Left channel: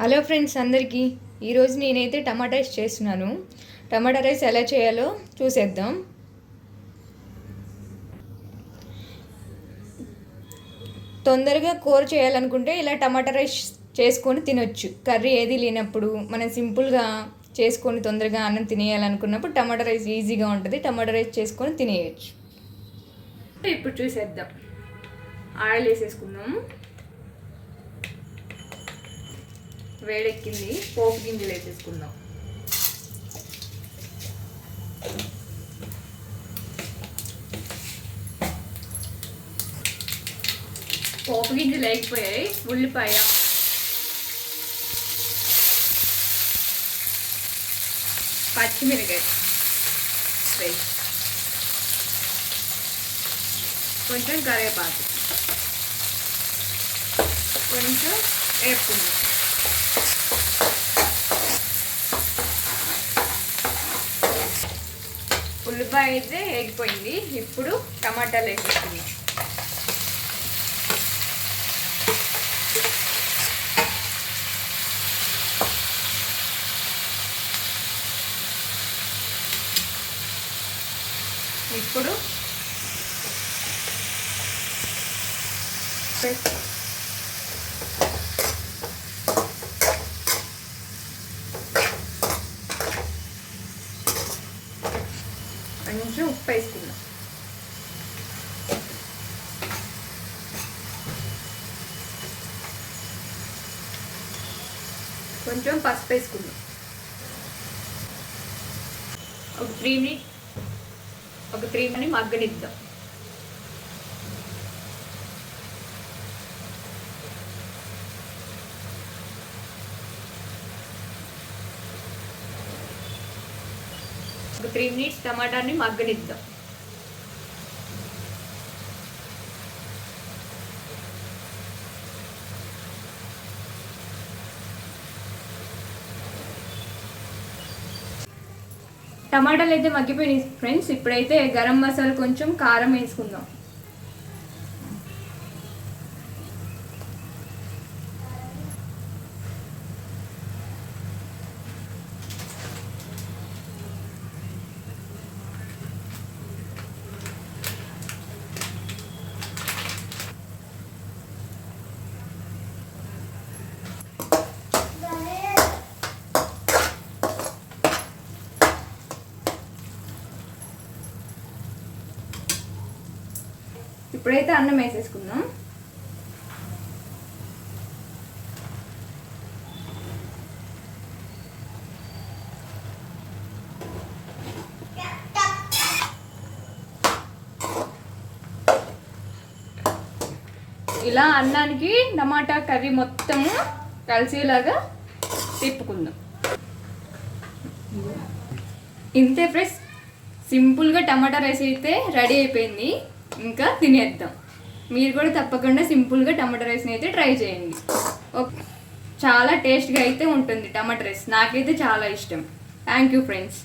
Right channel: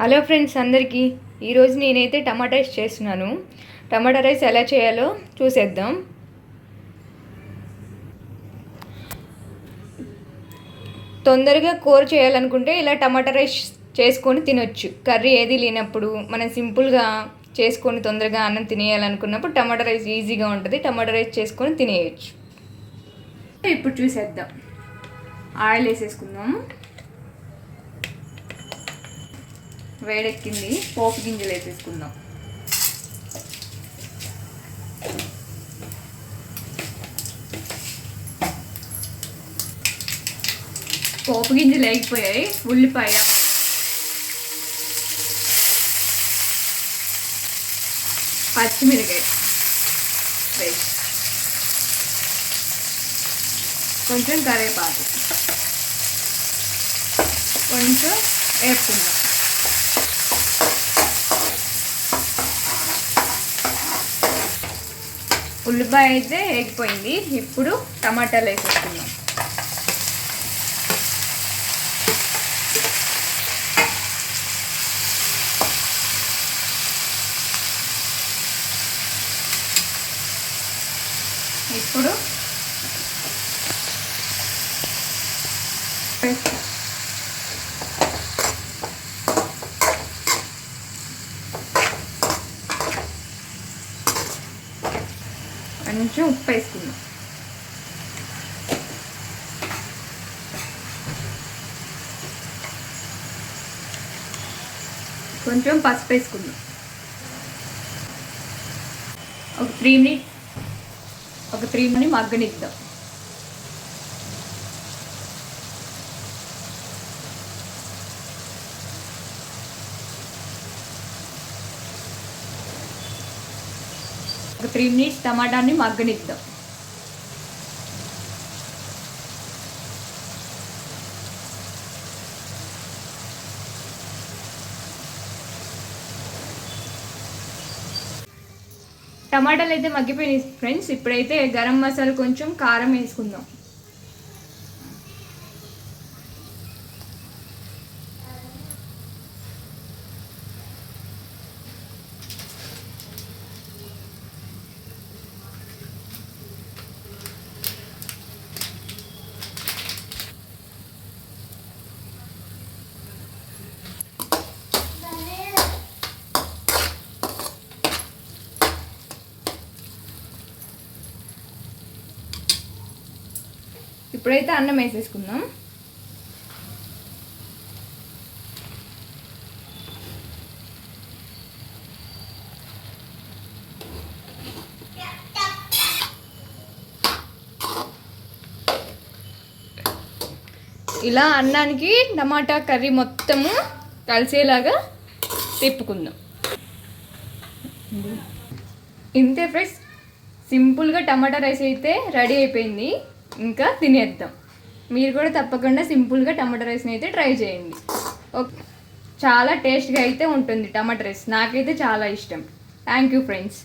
Hello friends అందరికీ ఈరోజు నేనైతే టమాటా రైస్ చేస్తున్నాను. టమాటా రైస్ ఎలా చేయాలో చూసేద్దాం. తొందరగా కూర చేయాలనుకుంటే ఇలా టమాటా రైస్ చేసుకొని తినొచ్చు. కర్రీ ఏది లేనప్పుడు మనం సింపుల్గా చేసుకొని తొందరగా అన్నం తినేయాలనుకున్నప్పుడు టమాటా రైస్ ఈజీగా ఉంటుంది. టమాటా రైస్ చేసుకొని తినేయచ్చు. ఇప్పుడు చూసేద్దాం. ఆయిల్ వేసేసుకుందాం. వేడెక్కింది. పోపు గింజలు వేసేసుకుందాం. పోపు గింజలు లేకపోయాయి. ఉల్లిపాయ, పచ్చిమిరకాయ, రైస్, కొంచెం కరివేపాకు, కొంచెం వేపుకుందాం. ఉల్లిపాయ అయితే వేగిపోయింది. ఇప్పుడు టమాటాలు వేసేసుకుందాం. ఇప్పుడు కొంచెం ఉప్పు వేసుకుందాం. కొంచెం పసుపు వేసుకుందాం. ఒక 3 మినిట్ మగ్గనిద్దాం. ఒక 3 మినిట్స్ టమాటాని మగ్గనిద్దాం. టమాటాలు అయితే మగ్గిపోయినాయి ఫ్రెండ్స్. ఇప్పుడైతే గరం మసాలా, కొంచెం కారం వేసుకుందాం. ఇప్పుడైతే అన్నం వేసేసుకుందాం. ఇలా అన్నానికి టమాటా కర్రీ మొత్తము కలిసేలాగా తిప్పుకుందాం. ఇంతే ఫ్రెండ్స్, సింపుల్గా టమాటా రైస్ అయితే రెడీ అయిపోయింది. ఇంకా తినేద్దాం. మీరు కూడా తప్పకుండా సింపుల్గా టమాటా రైస్ని అయితే ట్రై చేయండి. చాలా టేస్ట్గా అయితే ఉంటుంది టమాటా రైస్. నాకైతే చాలా ఇష్టం. Thank you friends.